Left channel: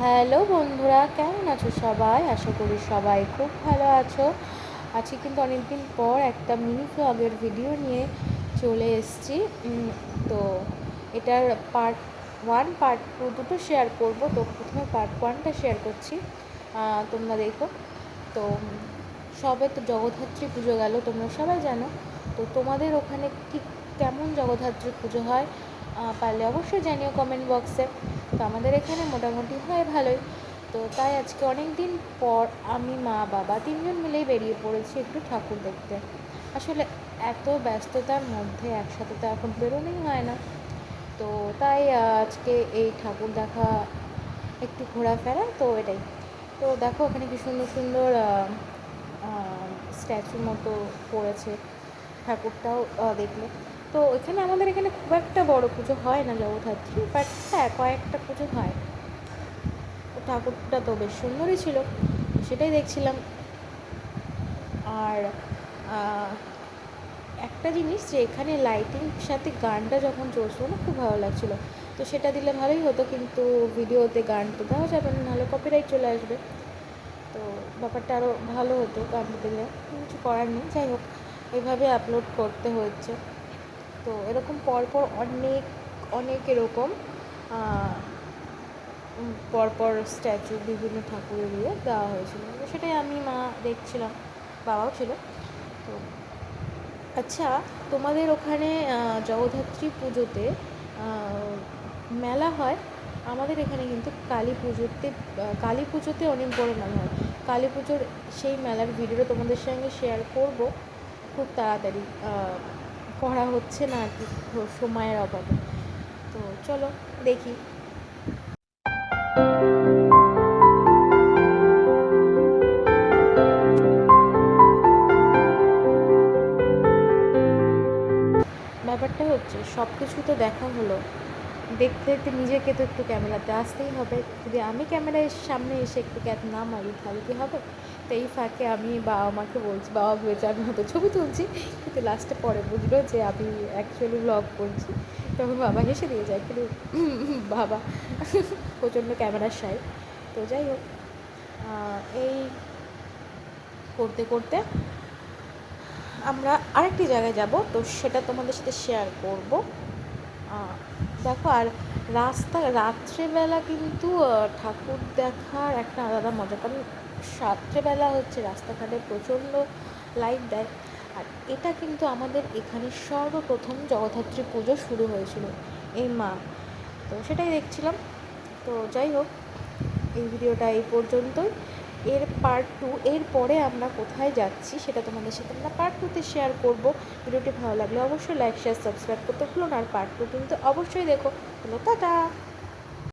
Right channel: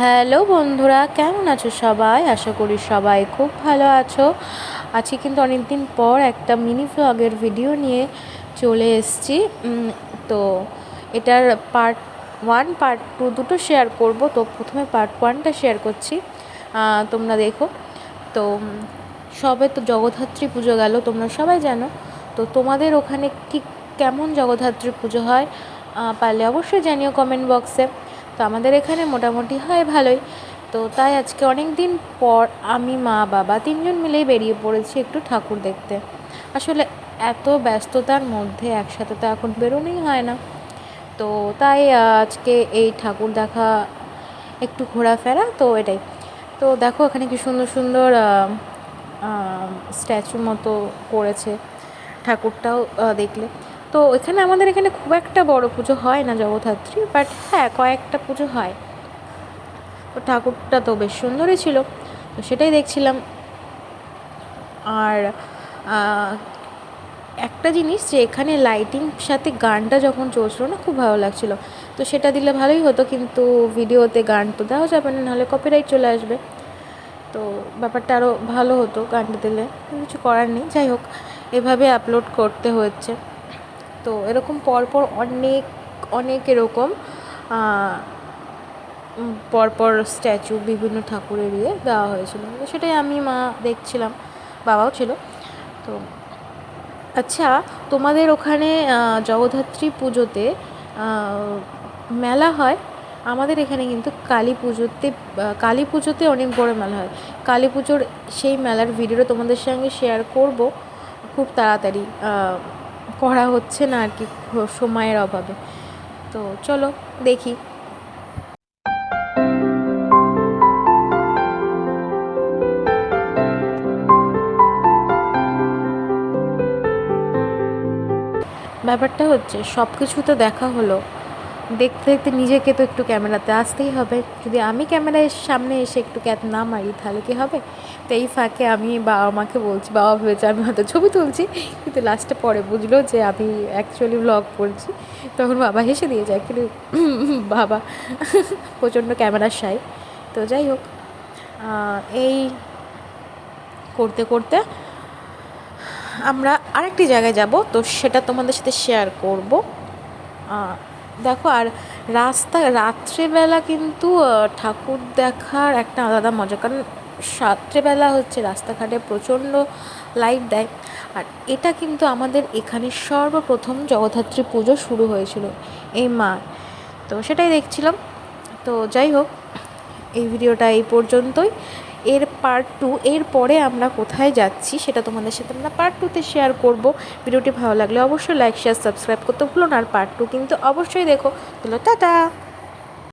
Hello বন্ধুরা, কেমন আছো সবাই? আশা করি সবাই খুব ভালো আছো। আজকে কিন্তু অনেক দিন পর একটা মিনি ভ্লগের ভিডিও নিয়ে চলে এসেছি। তো এটার পার্ট ওয়ান পার্ট টু দুটো শেয়ার করব। তো প্রথমে পার্ট ওয়ানটা শেয়ার করছি, তোমরা দেখো। তো সবে তো জগদ্ধাত্রী পুজো গেল, তোমরা সবাই জানো। তো তোমাদের ওখানে কি কেমন জগদ্ধাত্রী পুজো হয় পারলে অবশ্যই জানিও কমেন্ট বক্সে। তো আমাদের এখানে মোটামুটি হয় ভালোই। তো তাই আজকে অনেক দিন পর আমি মা বাবা তিনজন মিলেই বেরিয়ে পড়েছি একটু ঠাকুর দেখতে। আসলে এত ব্যস্ততার মধ্যে একসাথে তো এখন বেরোনোই হয় না। তো তাই আজকে এই ঠাকুর দেখা, একটু ঘোরাফেরা, তো এটাই। তো দেখো এখানে কি সুন্দর সুন্দর স্ট্যাচু মতো করেছে। ঠাকুরটাও দেখলে তো এখানে আমাদের এখানে খুব একটা বড় পুজো হয় না জগদ্ধাত্রী, বাট হ্যাঁ কয়েকটা পুজো হয়। তো ঠাকুরটা তো বেশ সুন্দরই ছিল, তো সেটাই দেখছিলাম। আর একটা জিনিস যে এখানে লাইটিং সাথে গানটা যখন চলছিল না, খুব ভালো লাগছিলো। তো সেটা দিলে ভালোই হতো, কিন্তু ভিডিওতে গান তো দেওয়া যাবে না, নাহলে কপিরাইট চলে আসবে। তো ব্যাপারটা আরও ভালো হতো গানটা দিলে, কিছু করার নেই। যাই হোক, এভাবে আপলোড করতে হচ্ছে। তো এরকম পরপর অনেক অনেক এরকম পরপর স্ট্যাচু বিভিন্ন ঠাকুরের দেওয়া হয়েছিল। তো সেটাই আমি মা দেখছিলাম, বাবাও ছিল। তো আচ্ছা, তোমাদের ওখানে জগদ্ধাত্রী পুজোতে মেলা হয়? আমাদের এখানে কিন্তু কালী পুজোতে অনেক বড় মেলা হয়। কালী পুজোর সেই মেলার ভিডিওটা তোমাদের সঙ্গে শেয়ার করব খুব তাড়াতাড়ি। করা হচ্ছে না আর কি, সময়ের অভাবে। তো চলো দেখি। ব্যাপারটা হচ্ছে সব কিছু তো দেখা হলো, দেখতে দেখতে নিজেকে তো একটু ক্যামেরাতে আসতেই হবে। যদি আমি ক্যামেরার সামনে এসে একটু ক্যাপ না মারি তাহলে কি হবে? তো এই ফাঁকে আমি বাবা মাকে বলছি, বাবা ভেবেছে আমি হয়তো ছবি তুলছি, কিন্তু লাস্টে পরে বুঝলো যে আমি অ্যাকচুয়ালি ব্লগ করছি। তখন বাবা হেসে দিয়ে যায়, কিন্তু বাবা প্রচণ্ড ক্যামেরার সাই। তো যাই হোক, এই করতে করতে আমরা আরেকটি জায়গায় যাব, তো সেটা তোমাদের সাথে শেয়ার করব। দেখো, আর রাত্রেবেলা কিন্তু ঠাকুর দেখার একটা আলাদা মজা, কারণ রাত্রেবেলা হচ্ছে রাস্তাঘাটে প্রচণ্ড লাইট দেয়। আর এটা কিন্তু আমাদের এখানে সর্বপ্রথম জগদ্ধাত্রী পুজো শুরু হয়েছিল এই মা। তো সেটাই দেখছিলাম। তো যাই হোক, এই ভিডিওটা এই পর্যন্তই। এর পার্ট টু, এর পরে আমরা কোথায় যাচ্ছি সেটা তোমাদের সাথে আমরা পার্ট টুতে শেয়ার করব। ভিডিওটি ভালো লাগলে অবশ্যই লাইক শেয়ার সাবস্ক্রাইব করতে ভুলো না, আর পার্ট টু কিন্তু অবশ্যই দেখো। বলো টাটা।